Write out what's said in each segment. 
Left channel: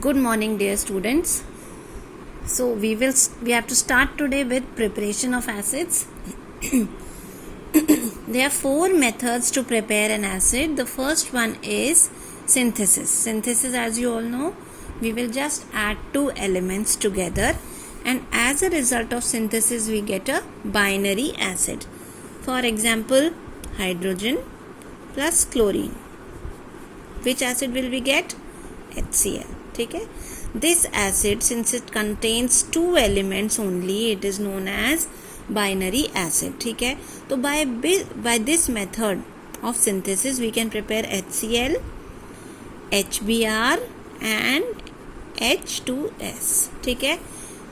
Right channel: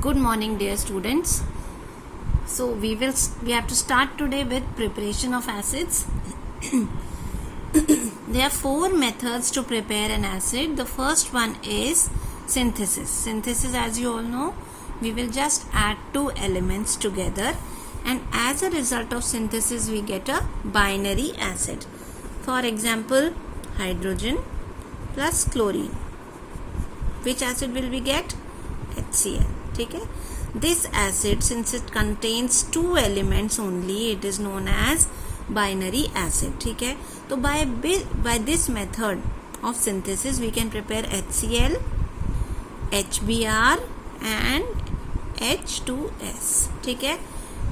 Good morning, dear students. So we have to start today with preparation of acids. There are 4 methods to prepare an acid. The first one is synthesis. Synthesis, as you all know, we will just add 2 elements together, and as a result of synthesis we get a binary acid. For example, hydrogen plus chlorine. Which acid will we get? HCl. ठीक है. This acid, since it contains 2 elements only, it is known as binary acid. ठीक है. तो by this method of synthesis we can prepare HCl, HBr and H2S. ठीक है.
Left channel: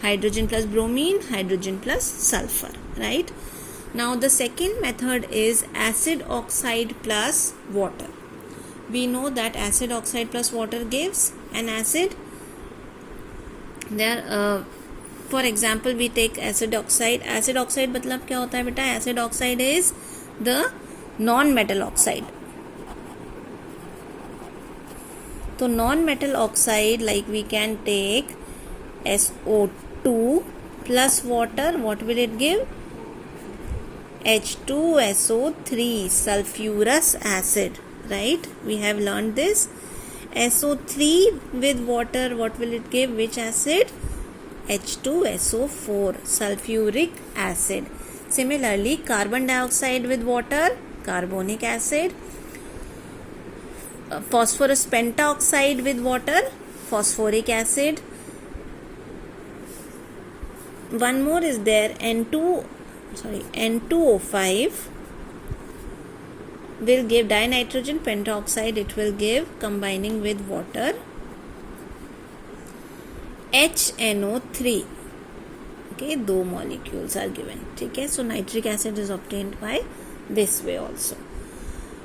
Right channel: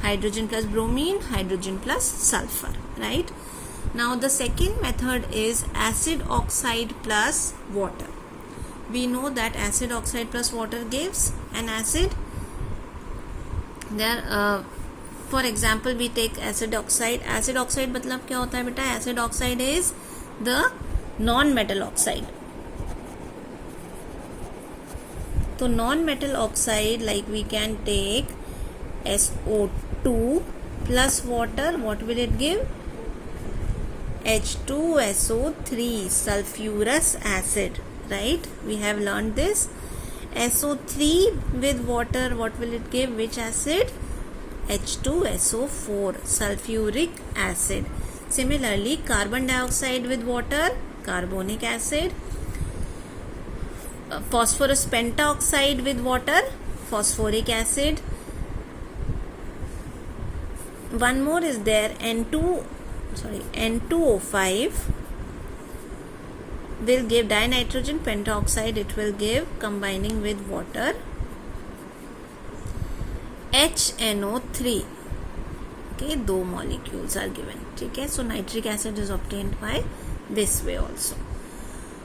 Hydrogen plus bromine, hydrogen plus sulfur. Right. Now the second method is acid oxide plus water. We know that acid oxide plus water gives an acid. There, for example, we take acid oxide. Acid oxide मतलब क्या होता है बेटा? Acid oxide is the non-metal oxide. तो non-metal oxide, like we can take SO2 plus water. What will it give? H2SO3, sulfurous acid. Right, we have learned this. SO3 with water, what will it give? Which acid? H2SO4, sulfuric acid. Similarly, carbon dioxide with water, carbonic acid. Phosphorus pentaoxide with water, phosphoric acid. One more is there, N2O5 will give dinitrogen pentaoxide. It will give, combining with water, HNO3. Okay, 2 molecules are given. Okay, so nitric acid is obtained by this way also.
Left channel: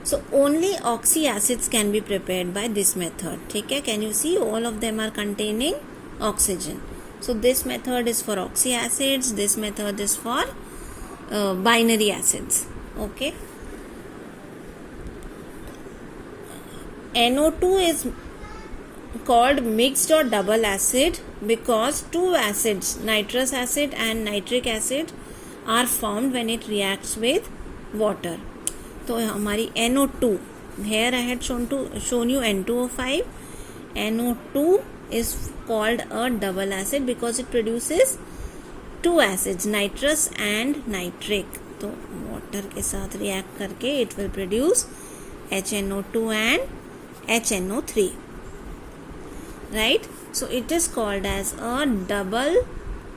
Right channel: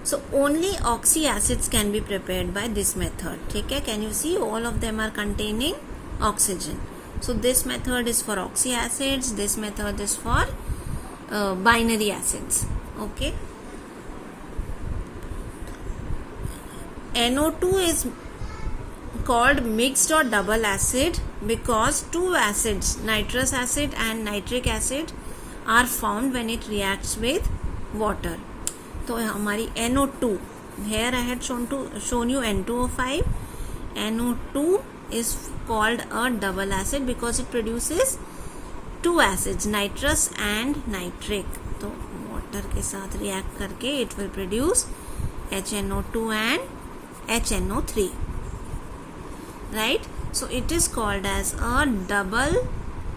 So only oxy acids can be prepared by this method. Okay, can you see all of them are containing oxygen? So this method is for oxy acids. This method is for binary acids. Okay. NO2 is called mixed or double acid because 2 acids, nitrous acid and nitric acid, are formed when it reacts with water. तो हमारी NO2, here I had shown you N2O5. NO2 is called a double acid because it produces 2 acids, nitrous and nitric. तो water के साथ react करके it will produce HNO2 and HNO3. Right, so it is called as a double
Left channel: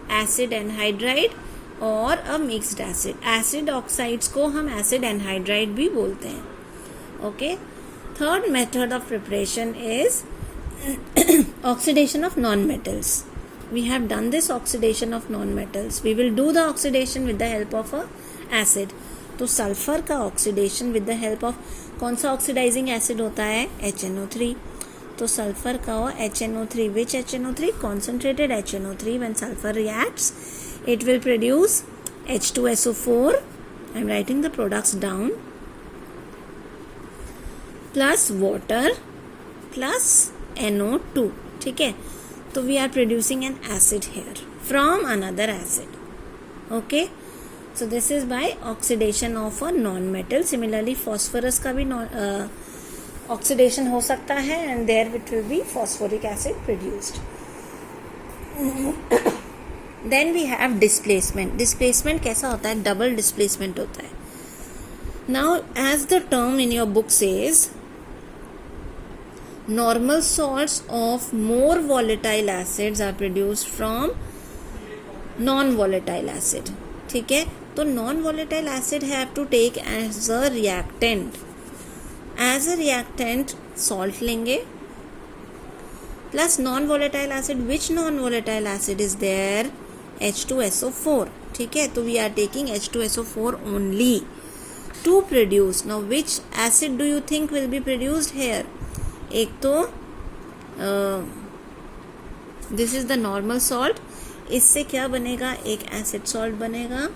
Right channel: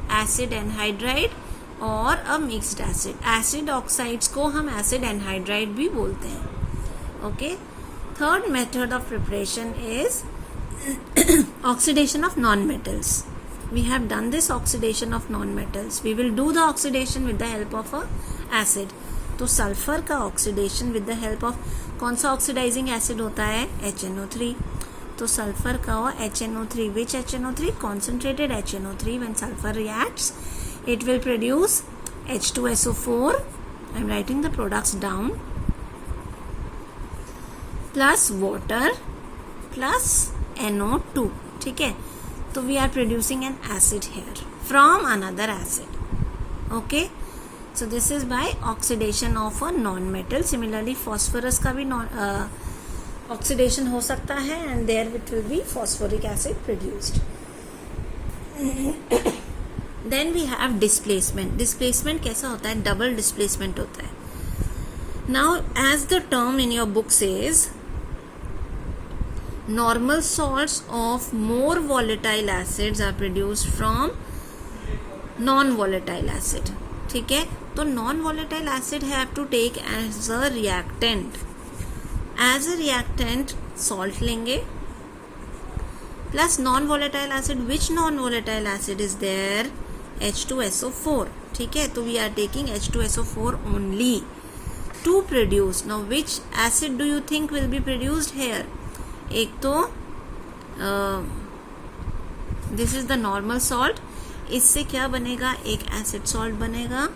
acid anhydride or a mixed acid. Acid oxides को हम acid anhydride भी बोलते हैं. Okay, third method of preparation is oxidation of non-metals. We have done this oxidation of non-metals. We will do the oxidation with the help of a acid. तो sulphur का oxidation with the help of, कौन सा oxidizing acid होता है? HNO3. तो sulphur का हो HNO3. Which HNO3? Concentrated HNO3. When sulphur reacts it will produce H2SO4. I am writing the products down. Plus water plus NO2. ठीक है, तो we are producing an acid here from another acid. Okay, so this is by oxidation of a non-metal. Similarly, phosphorus का भी oxidation हो सकता है and there it will be phosphoric acid produced. Then we have displacement. Displacement कैसा होता है? Double displacement होता है. Now, as the term in your book says, normal salts of more volatile acids are produced from non-volatile acid. ठीक है, तो non volatile acid have to take as a reactant. As a reactant salt लेंगे plus non volatile acid. Which non volatile acid is there? H2SO4. ठीक है, तो we are taking H2SO4 only to produce. Now which acid do you think will be produced here? एक तो this is the normal salt. इससे क्या बनेगा? एक acid salt बनेगा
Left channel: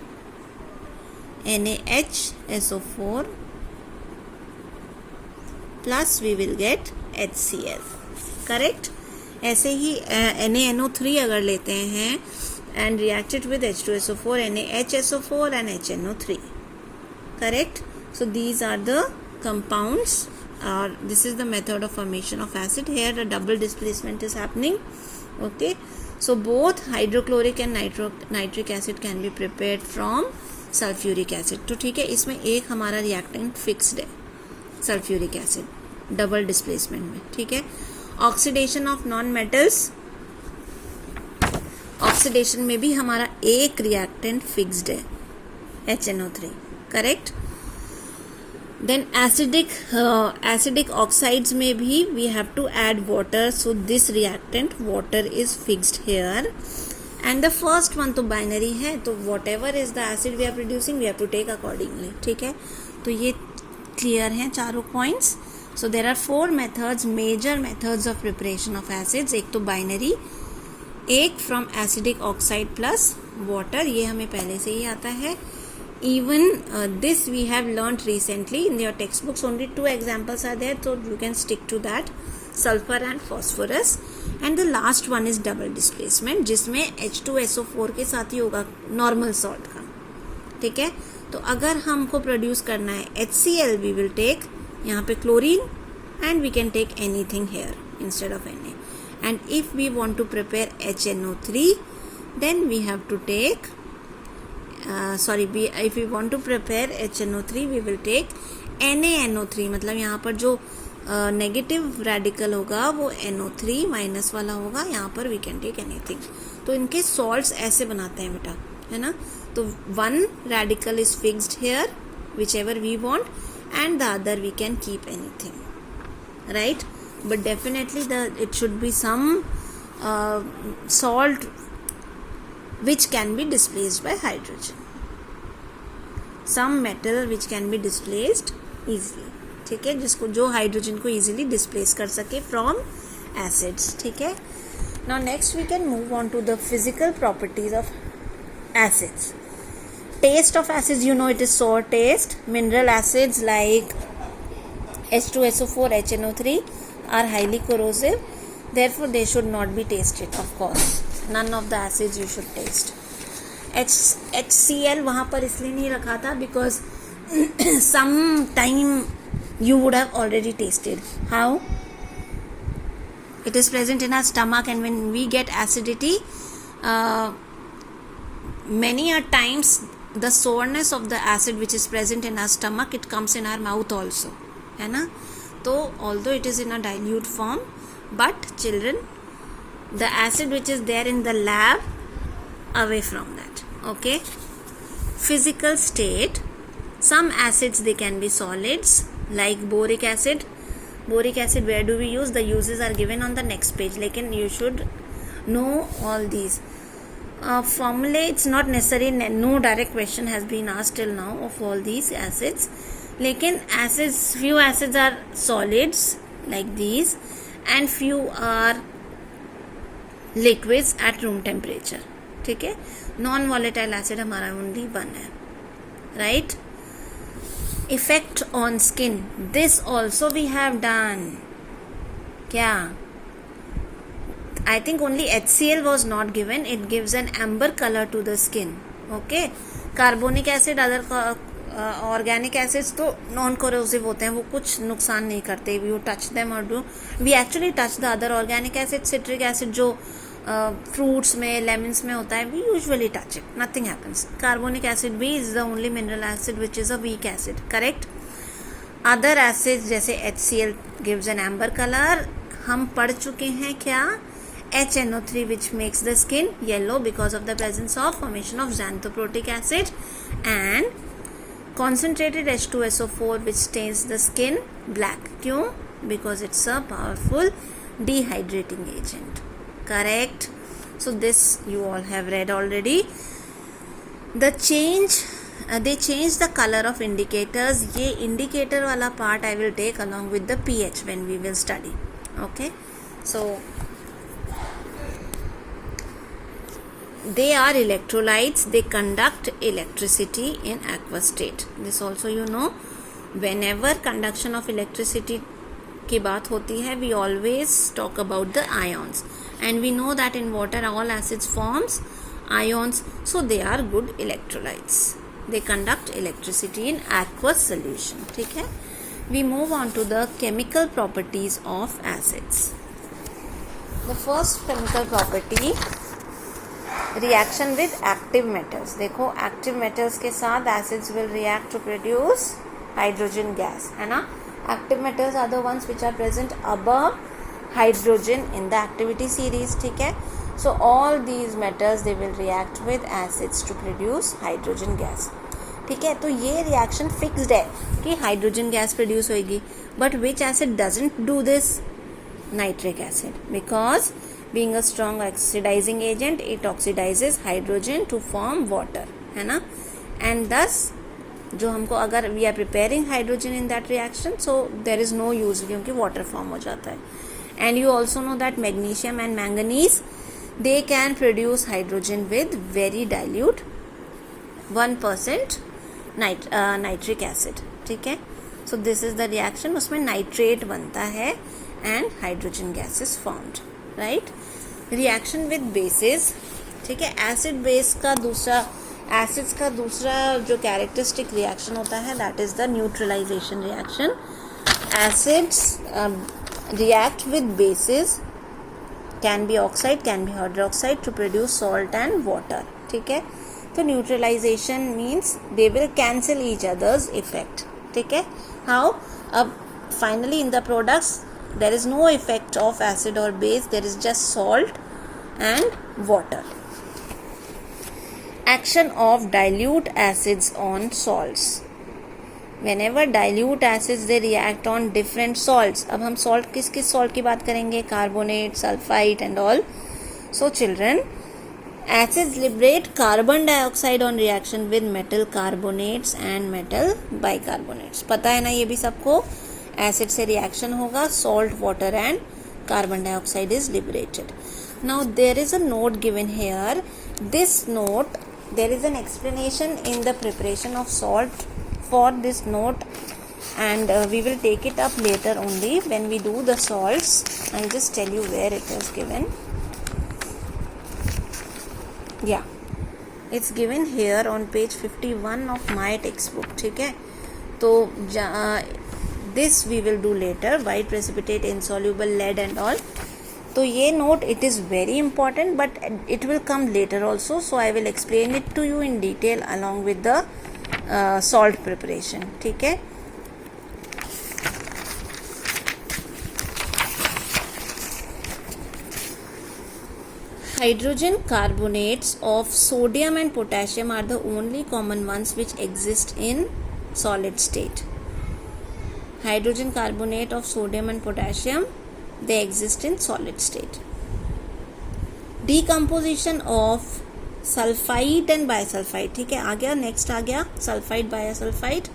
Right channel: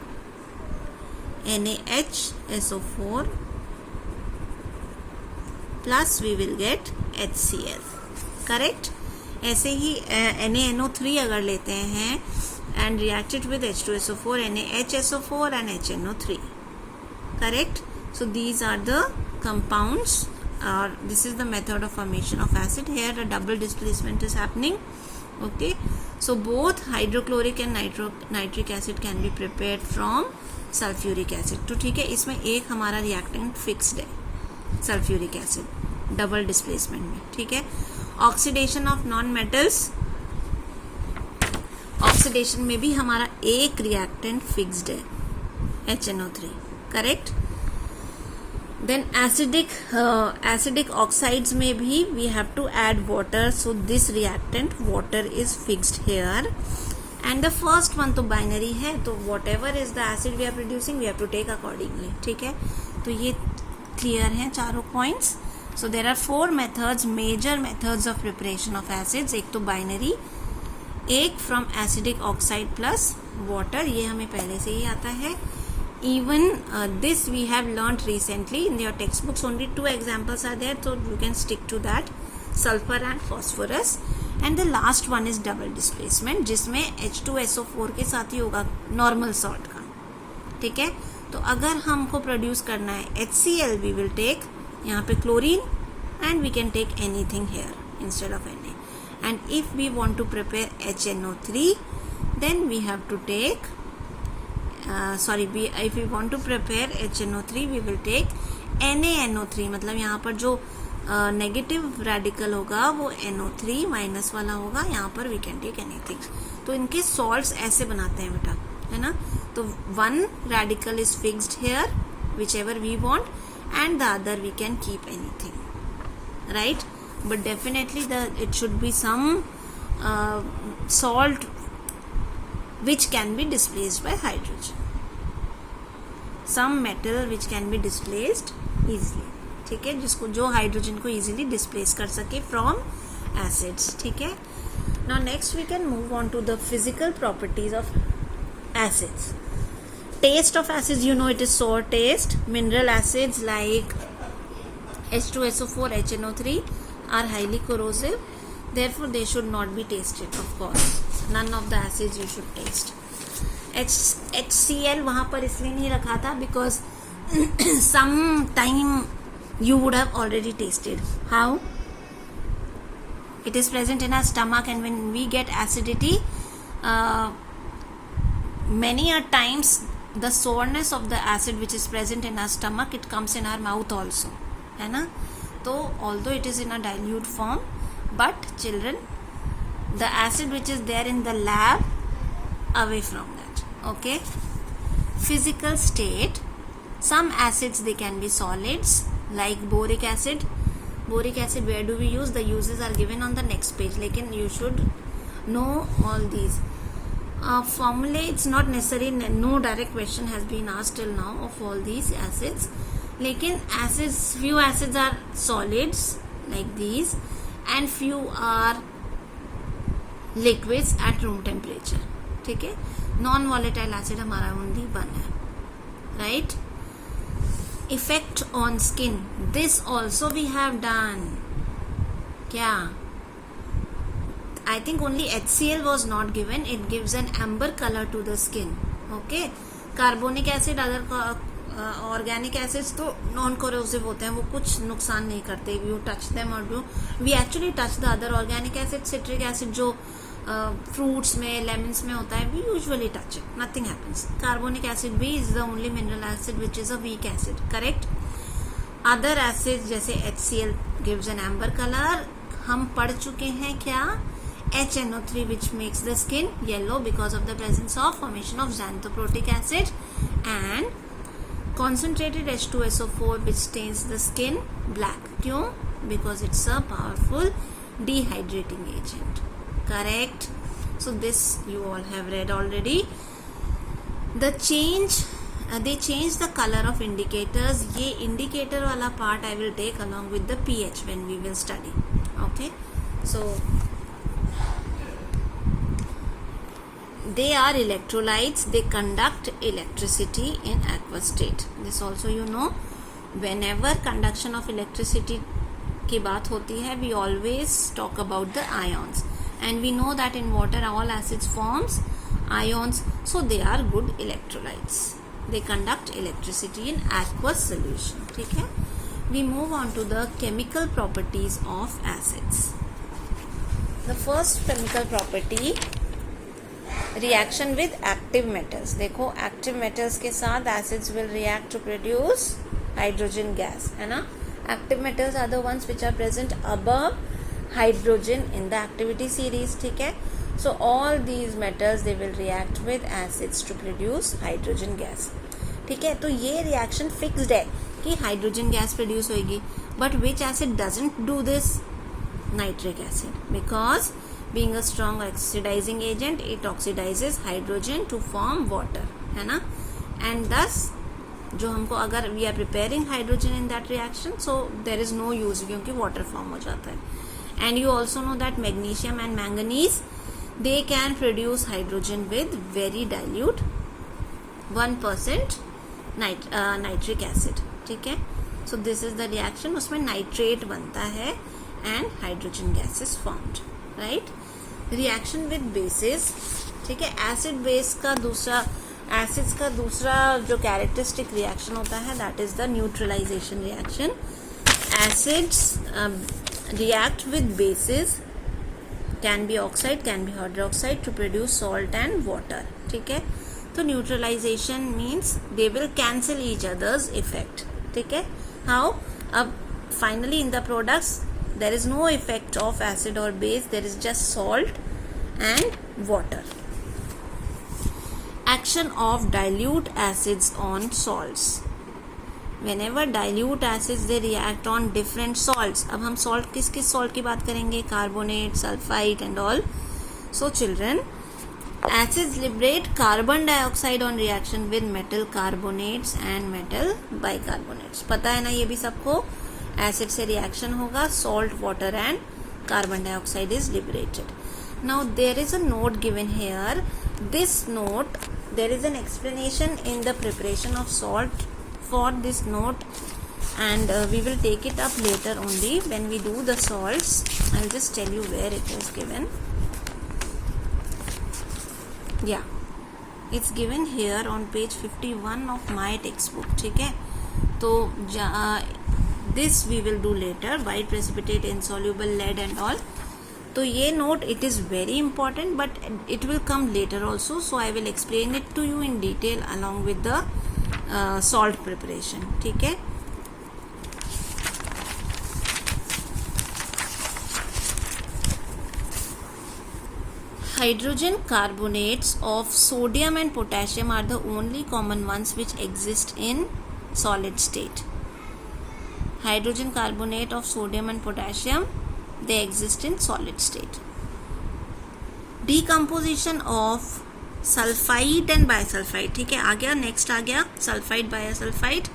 NaHSO4 plus we will get HCl. Correct? ऐसे ही NaNO3 अगर लेते हैं and react it with H2SO4, NaHSO4 and HNO3. Correct? So these are the compounds, or this is the method of formation of acid. Here a double displacement is happening. Okay, so both hydrochloric and nitric acid can be prepared from sulfuric acid. तो ठीक है, इसमें एक हमारा reactant fixed है sulphuric acid double displacement में. ठीक है, oxidation of non metals, oxidation में भी हमारा एक रिएक्टेंट फिक्स्ड है HNO3. Correct. Then acidic oxides में भी we have to add water, so this reactant water is fixed here. And the first one तो बाइनरी है, तो whatever is the acid we are producing we have to take accordingly. ठीक है, तो ये clear हैं चारों points. So there are 4 methods, major methods of preparation of acids. एक तो बाइनरी, एक from acidic oxide plus water, ये हमें पहले से ही आता है. Even this we have learnt recently in your textbooks. Only 2 examples are there, so you can stick to that, sulfur and phosphorus. And the last one is double displacement, जिसमें H2SO4 के साथ ही होगा नॉर्मल सॉल्ट का. ठीक है, तो अगर हमको प्रोड्यूस करना है HCl, we will take यहाँ पे chlorine, and we can take anything here instead of Na. And if we want to prepare HNO3, then we have to take if we want to prepare HNO3 we will take NaNO3. मतलब यहाँ पर जो negative radical होगा वो NO3 minus वाला होगा. यहाँ पर we can take anything. तो इनके सॉल्ट्स ऐसे बनाते हैं बेटा, है ना. तो one radical is fixed here, whichever we want, and the other we can keep anything, right? But definitely it should be some salt which can be displaced by hydrogen, some metal which can be displaced easily. ठीक है, जिसको जो hydrogen को easily displace कर सके from acids. ठीक है. Now next we can move on to the physical properties of acids. Taste of acids, you know, it is sour taste. Mineral acids like H2SO4, HNO3 are highly corrosive, therefore they should not be tasted. Of course, none of the acids you should taste. HCl वहाँ पर इसलिए नहीं रखा था because some time you would have already tasted. How? It is present in our stomach, and when we get acidity, many a times the sourness of the acid which is present in our stomach, it comes in our mouth also, है ना. तो although it is in a dilute form, but children, the acid which is there in the lab, away from that. Okay. Physical state, some acids they can be solids like boric acid. Boric acid, where do we use? The uses are given on the next page, लेकिन you should know all these. Formulae, it's not necessary, no direct question has been asked till now of all these acids. लेकिन acids, few acids are solids like these and few are liquids at room temperature. ठीक है, non volatile acid हमारा only 1 है, right. Effect on skin, this also we have done. क्या? I think only HCl was not given. It gives an amber color to the skin. Okay. Carbonic acid, other organic acids तो non corrosive होते हैं, वो कुछ नुकसान नहीं करते. You touch them और do we actually touch the other organic acid. Citric acid जो फ्रूट्स में, लेमन्स में होता है, we usually touch it, nothing happens. Carbonic acid भी is the only mineral acid which is a weak acid. Correct. Other acid जैसे HCl gives an amber colour. हम पढ़ चुके हैं क्या? HNO3 which makes the skin yellow because of the presence of formation of xanthoprotic acid, and concentrated H2SO4 which stains the skin black. क्यों? Because it's a powerful dehydrating agent. Correct. So this you all have read already. The change, they change the color of indicators. ये indicator वाला part I will take along with the pH when we will study. Okay. So they are electrolytes. They conduct electricity in aqueous state. This also you know. Whenever conduction of electricity की बात होती है, we always talk about the ions, and we know that in water all acids forms ions, so they are good electrolytes. They conduct electricity in aqueous solution. ठीक है. We move on to the chemical properties of acids. The first chemical property, reaction with active metals. देखो active metals के साथ acids will react to produce hydrogen gas, है ना. Active metals are the ones which are present above hydrogen in the activity series. ठीक है. So all these metals they will react with acids to produce hydrogen gas. ठीक है. तो ये reaction fixed है कि hydrogen gas produce होगी. But which acid doesn't do this? Nitric acid, because being a strong oxidizing agent it oxidizes hydrogen to form water, है ना. And thus जो हमको अगर we are preparing hydrogen in that reaction, so there is no use क्योंकि water form हो जाता है. And you also know that magnesium and manganese they can produce hydrogen with very dilute 1% nitric acid. ठीक है. So this is the reaction, उसमें nitrate बनता है and hydrogen gas is formed, right. Reaction with bases. ठीक है. acid base का दूसरा acids का दूसरा जो characteristic reaction होता है that is the neutralization reaction. Acids react with bases, can be oxide, can be hydroxide to produce salt and water. ठीक है. तो neutralization means they will cancel each other's effect. ठीक है. How? अब finally in the products there is no effect of acid or base, there is just salt and water. Action of dilute acids on salts. Whenever dilute acids they react on different salts. अब हम salt किस salt की बात करेंगे? Carbonate, sulfite and all. So children, acids liberate carbon dioxide on reaction with metal carbonates and metal bicarbonates. पता है ना ये भी सबको. एसिड से रिएक्शन होगा, salt, water and carbon dioxide is liberated. Now there is a note given here. This note there is an explanation in the preparation of salt for this note and we will take it up later only when we do the salts. I'll just tell you where it is given. Yeah, it's given here on page 51 of my textbook. ठीक है. तो this we will do later. White precipitate, insoluble lead and all. तो ये note it is very important but it will come later also, so I will explain it to you in detail along with the salt preparation. ठीक है. Hydrogen carbonates of sodium and potassium are the only common ones which exist in solid state. Hydrogen carbonate of sodium and potassium they exist in solid state. Decomposition of sulfite and bisulfite. ठीक है. आ गया next आ गया sulphide बायोसल्फाइड.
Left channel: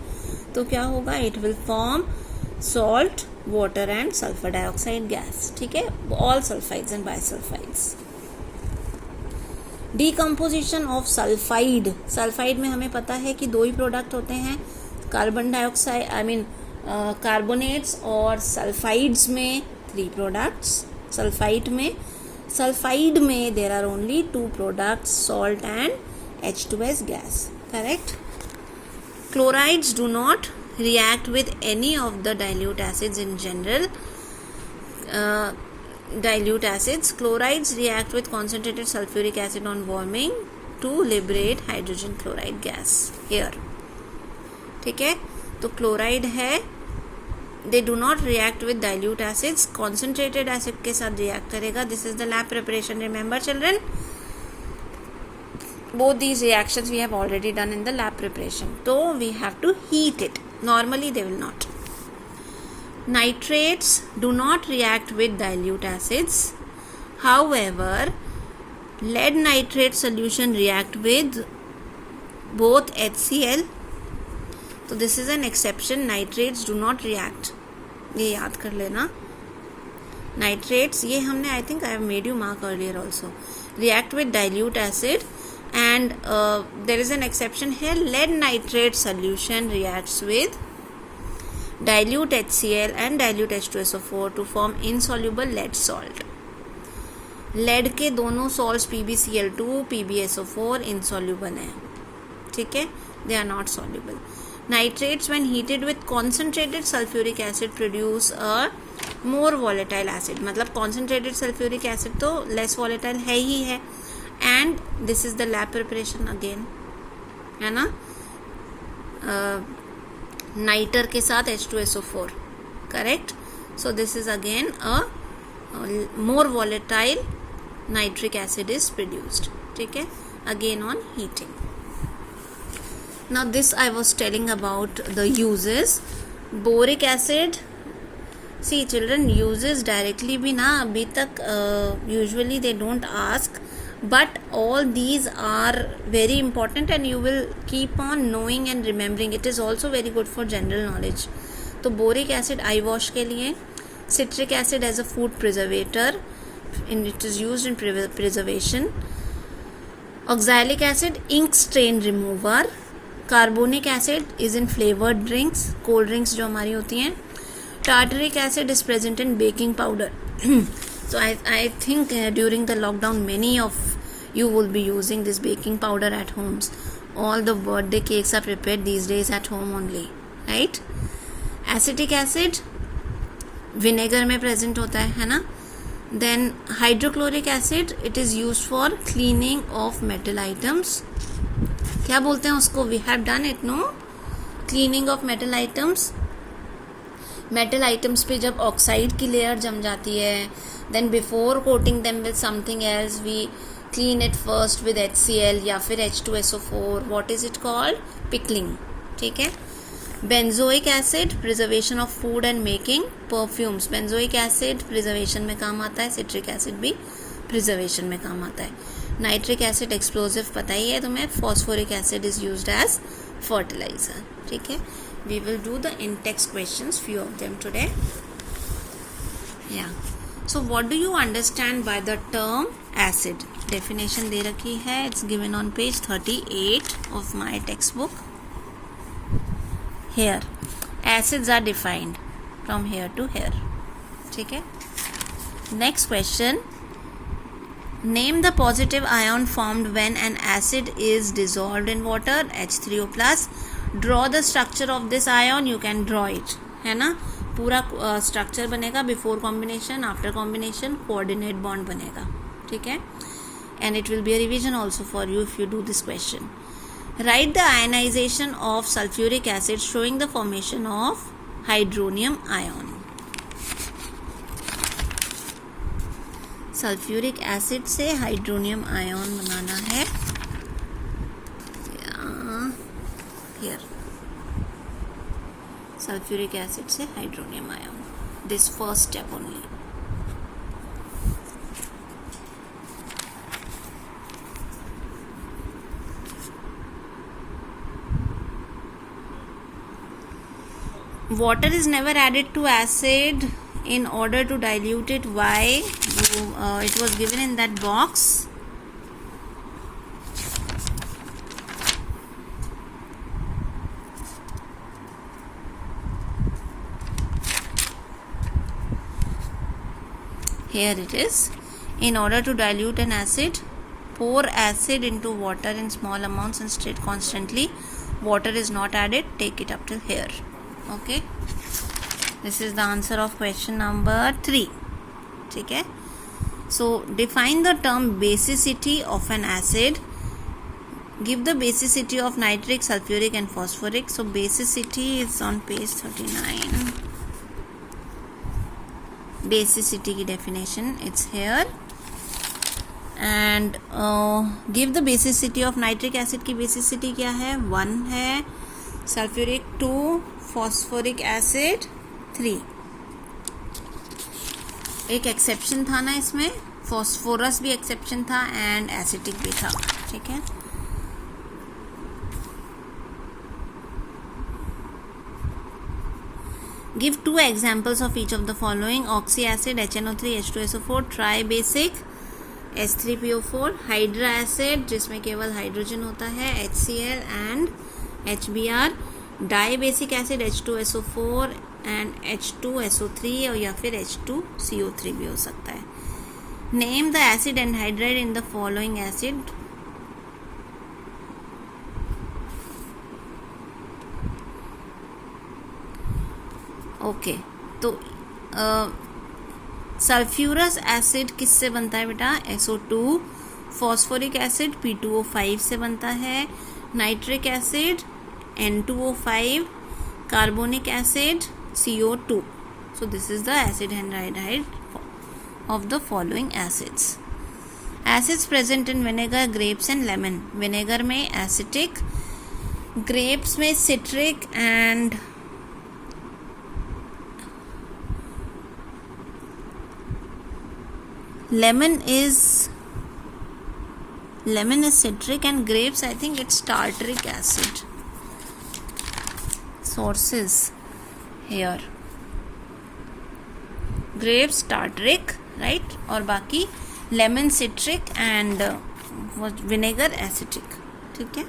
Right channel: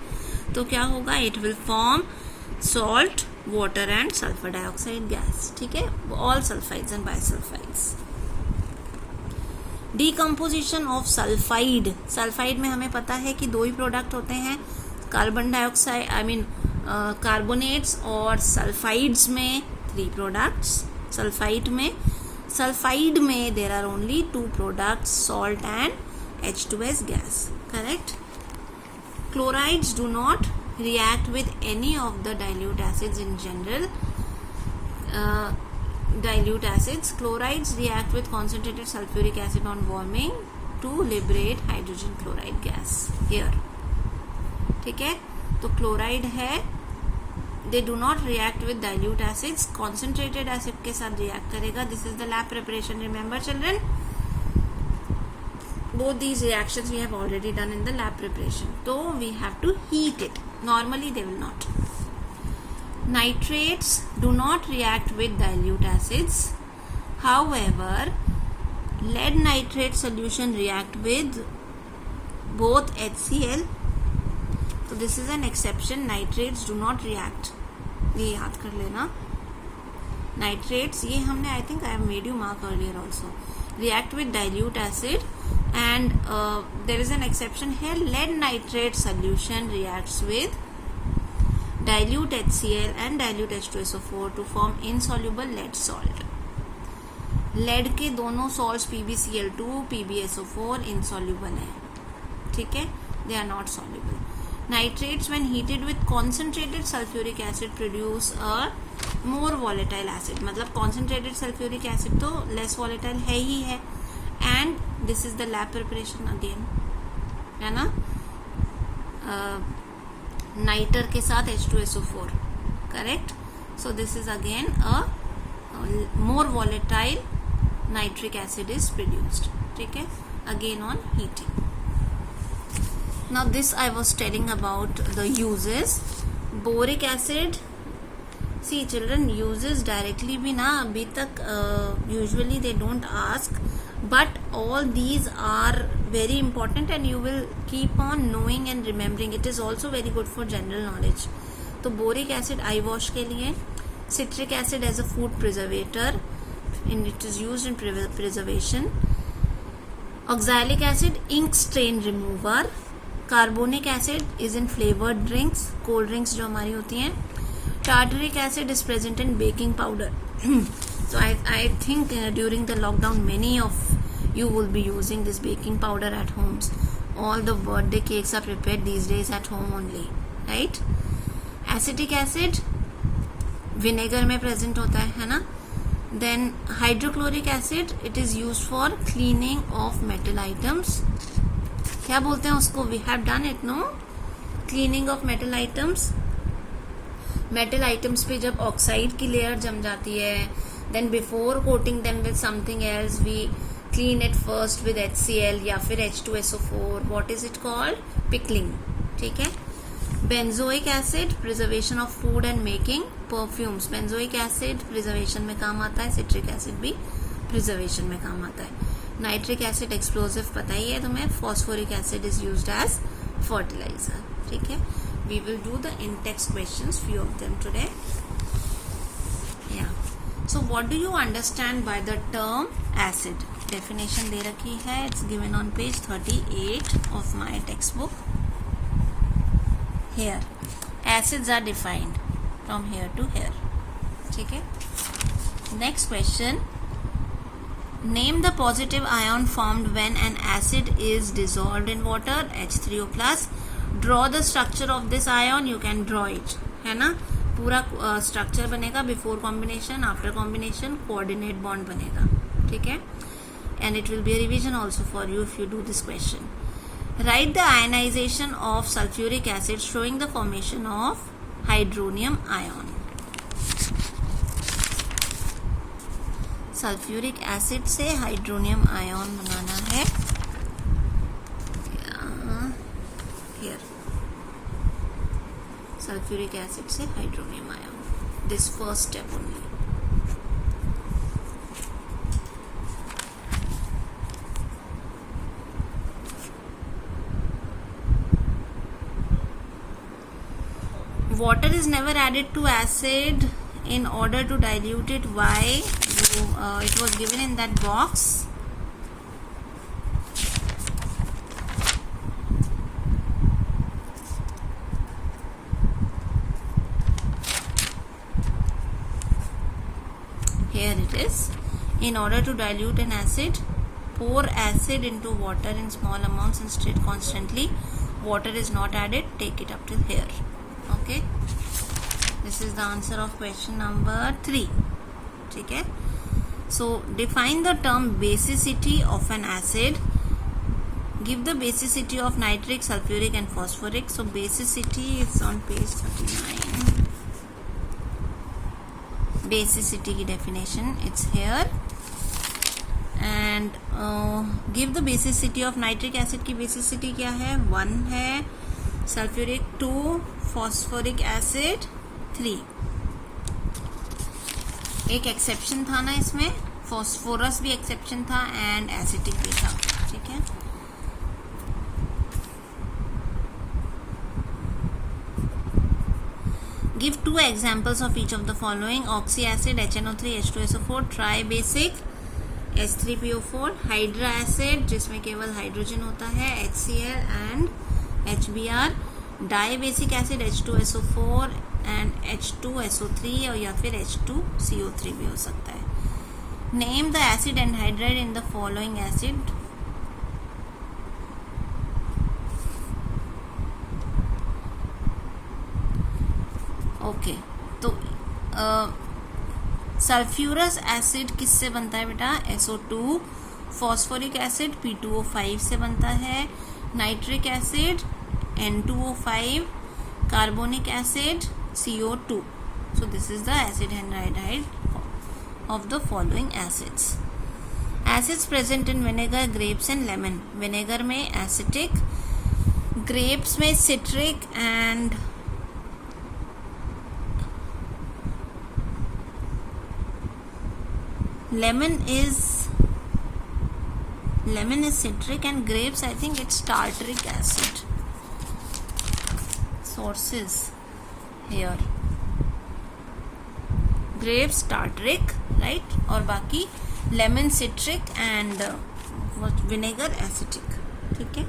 तो क्या होगा? It will form salt, water and sulphur dioxide gas. ठीक है. All sulphides and bisulphides. Decomposition of sulphide. Sulphide में हमें पता है कि दो ही प्रोडक्ट होते हैं, कार्बन डाइऑक्साइड कार्बोनेट्स, और सल्फाइड्स में 3 प्रोडक्ट्स. सल्फाइड में there are only 2 products, salt and H2S gas. Correct. Chlorides do not react with any of the dilute acids in general. Dilute acids, chlorides react with concentrated sulfuric acid on warming to liberate hydrogen chloride gas here. ठीक है. तो chloride है, they do not react with dilute acids, concentrated acid के साथ react करेगा. This is the lab preparation, remember children. Both these reactions we have already done in the lab preparation. So we have to heat it. Normally they will not. Nitrates do not react with dilute acids. However, lead nitrate solution react with both HCl. So this is an exception. Nitrates do not react. ये याद कर लेना. Nitrates, ये हमने I think I have made you mark earlier also. React with dilute acid, and there is an exception here. Lead nitrate solution reacts with dilute HCl and dilute H2SO4 to form insoluble lead salt. Lead के दोनों salts PbCl2, PbSO4 insoluble हैं, ठीक है, they are not soluble. Nitrates when heated with concentrated sulfuric acid produce a more volatile acid. मतलब concentrated sulfuric acid तो less volatile है ही है, and this is the lab preparation again, है ना, nighter के साथ H2SO4, correct. So this is again a more volatile nitric acid is produced, ठीक है, again on heating. Now this I was telling about the uses. Boric acid, see children, uses directly भी ना अभी तक usually they don't ask, but all these are very important and you will keep on knowing and remembering. It is also very good for general knowledge. तो boric acid eye wash के लिए, citric acid as a food preservator and it is used in preservation, oxalic acid ink stain remover, carbonic acid is in flavoured drinks, cold drinks जो हमारी होती हैं, tartaric acid is present in baking powder. So I think during the lockdown many of you will be using this baking powder at homes. All the birthday cakes are prepared these days at home only, right. Acetic acid vinegar में present होता है ना. Then hydrochloric acid, it is use for cleaning of metal items. क्या बोलते हैं उसको, we have done it, no, cleaning of metal items. Metal items पे जब ऑक्साइड की लेयर जम जाती है, then before coating them with something else we clean it first with HCl या फिर H2SO4. What is it called, pickling, ठीक है. Benzoic acid, preservation of food and making perfumes. Benzoic acid preservation में काम आता है, सिट्रिक एसिड भी preservation में काम आता है. नाइट्रिक एसिड एक्सप्लोजिव पता ही है तुम्हें. Phosphoric acid is used as fertiliser, ठीक है. We will do the in text questions, few of them today. या so what do you understand by the term acid. Definition दे रखी है, it's given on page 38 of my textbook. Here acids are defined from here to here, ठीक है. Next question, name the positive ion formed when an acid is dissolved in water, H3O plus. Draw the structure of this ion, you can draw it, है ना. पूरा structure बनेगा, before combination, after combination, coordinate bond बनेगा, ठीक है. And it will be a revision also for you if you do this question. Write the ionisation of sulphuric acid showing the formation of hydronium ion. Sulphuric acid से hydronium ion बनाना है. Here sulphuric acid से hydronium ion, this first step only. Water is never added to acid in order to dilute it. Why? It was given in that box. Here it is. In order to dilute an acid, pour acid into water in small amounts and stir it constantly. Water is not added. Take it up to here. Okay. This is the answer of question number 3. ठीक है. So define the term basicity of an acid. Give the basicity of nitric, sulfuric and phosphoric. So basicity is on page 39. Basicity की definition, it's here. And give the basicity of nitric acid की basicity क्या है, 1 है. Sulfuric 2, phosphoric acid 3. एक exception था ना इसमें, phosphorus भी एक्सेप्शन था एंड एसिटिक भी था, ठीक है. Give 2 examples of each of the following. Oxyacid HNO3 H2SO4, tribasic H3PO4, hydracid जिसमें केवल हाइड्रोजन होता है HCl and HBr, dibasic acid H2SO4 and H2SO3 और या फिर H2CO3 भी हो सकता है. Name the acid anhydride in the following acid. Okay, तो सल्फ्यूरस एसिड किससे बनता है बेटा? SO2. फॉस्फोरिक एसिड P2O5 से बनता है. Nitric acid N2O5. Carbonic acid CO2. So this is the acid anhydride of the following acids. Acids present in vinegar, grapes and lemon. Vinegar में acetic, grapes में citric and lemon is citric and grapes I think it's tartaric acid. Sources here. Grapes tartaric, right? और बाकी lemon citric and vinegar acetic. ठीक है.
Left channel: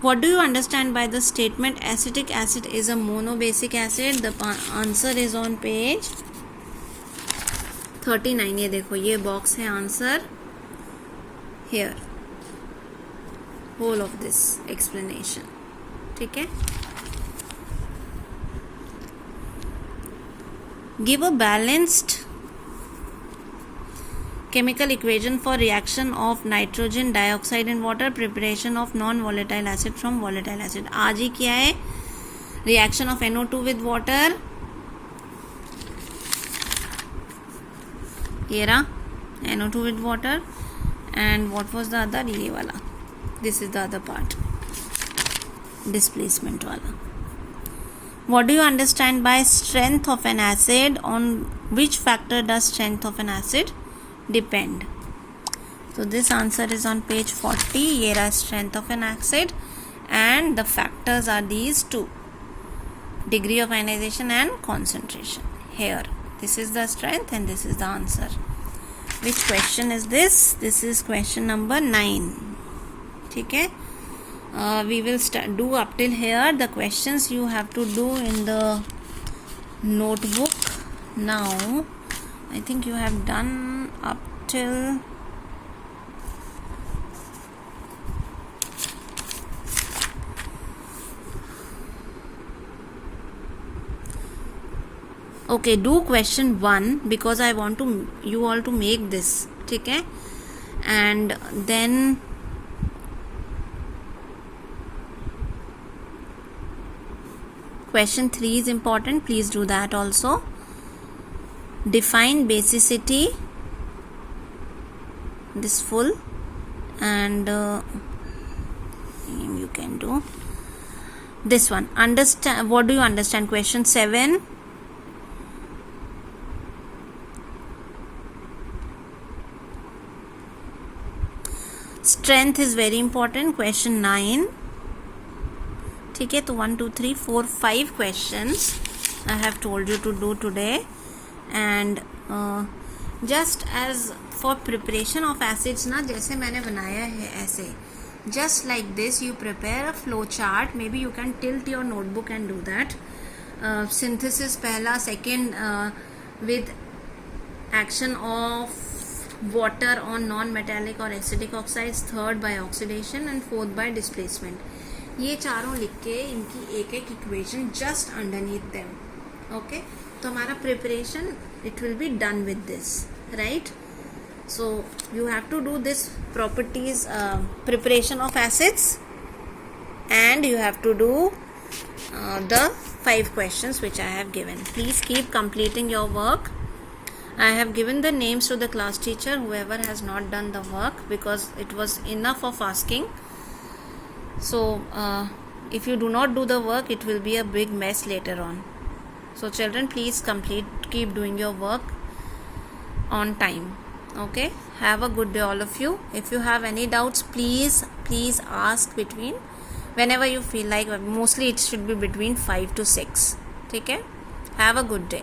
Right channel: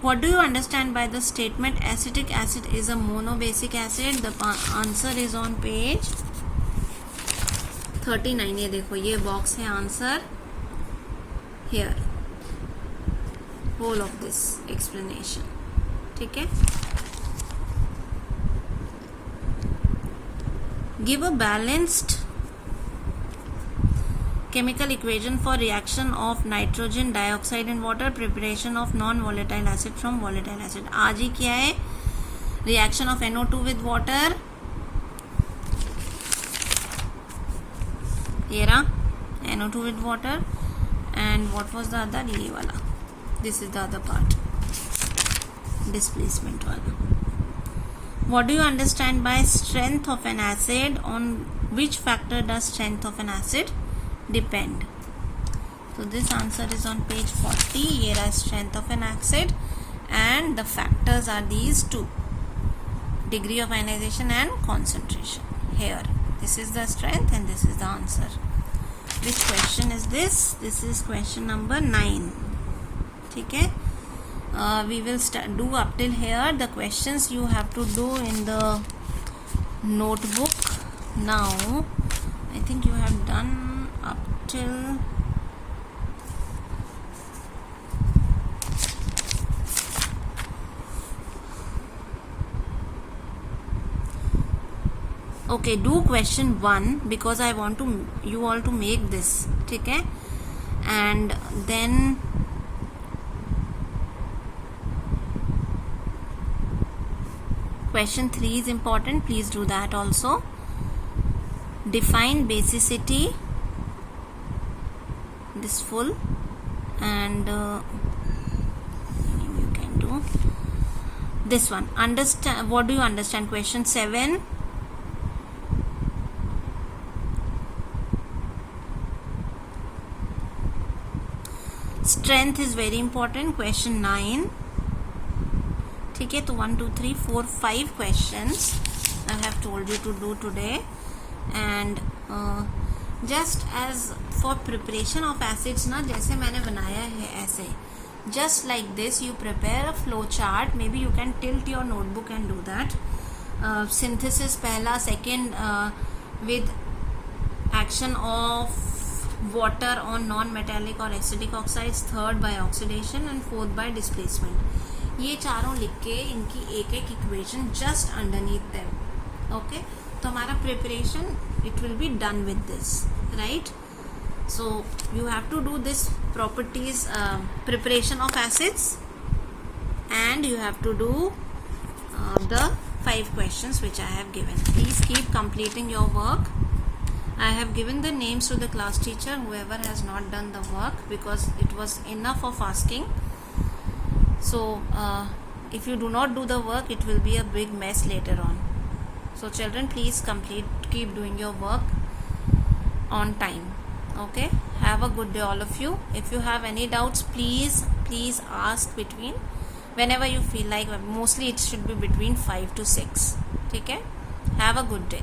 What do you understand by the statement acetic acid is a monobasic acid? The answer is on page 39. ये देखो, ये box है answer. Here, whole of this explanation. ठीक है. Give a balanced chemical equation for reaction of nitrogen dioxide in water, preparation of non-volatile acid from volatile acid. आज ही क्या है? Reaction of NO2 with water. ये रहा NO2 with water. And what was the other? ये वाला. This is the other part. Displacement वाला. What do you understand by strength of an acid? On which factor does strength of an acid depend? So this answer is on page 40. Here is strength of an acid and the factors are these two: degree of ionization and concentration. Here, this is the strength and this is the answer. Which question is this? This is question number 9. ठीक है. We will do up till here. The questions you have to do in the notebook. Now I think you have done up till okay, do question 1 because I want to you all to make this. ठीक है. And then question 3 is important. Please do that also. Define basicity. This full and you can do this one. Understand. What do you understand? Question 7. Strength is very important. Question 9. ठीक है. तो 1 2 3 4 5 questions I have told you to do today. And just as for preparation of acids ना, जैसे मैंने बनाया है ऐसे, just like this you prepare a flow chart. Maybe you can tilt your notebook and do that. Synthesis पहला, second with action of water on non-metallic or acidic oxides, third by oxidation and fourth by displacement. ये चारों लिख के इनकी एक एक equation just underneath them. Okay, तो हमारा preparation it will be done with this, right? So you have to do this properties preparation of acids and you have to do the 5 questions which I have given. Please keep completing your work. I have given the names to the class teacher, whoever has not done the work, because it was enough of asking. So if you do not do the work, it will be a big mess later on. So children, please keep doing your work on time. Okay, have a good day all of you. If you have any doubts, please ask between whenever you feel like. Mostly it should be between 5 to 6. Okay, have a good day.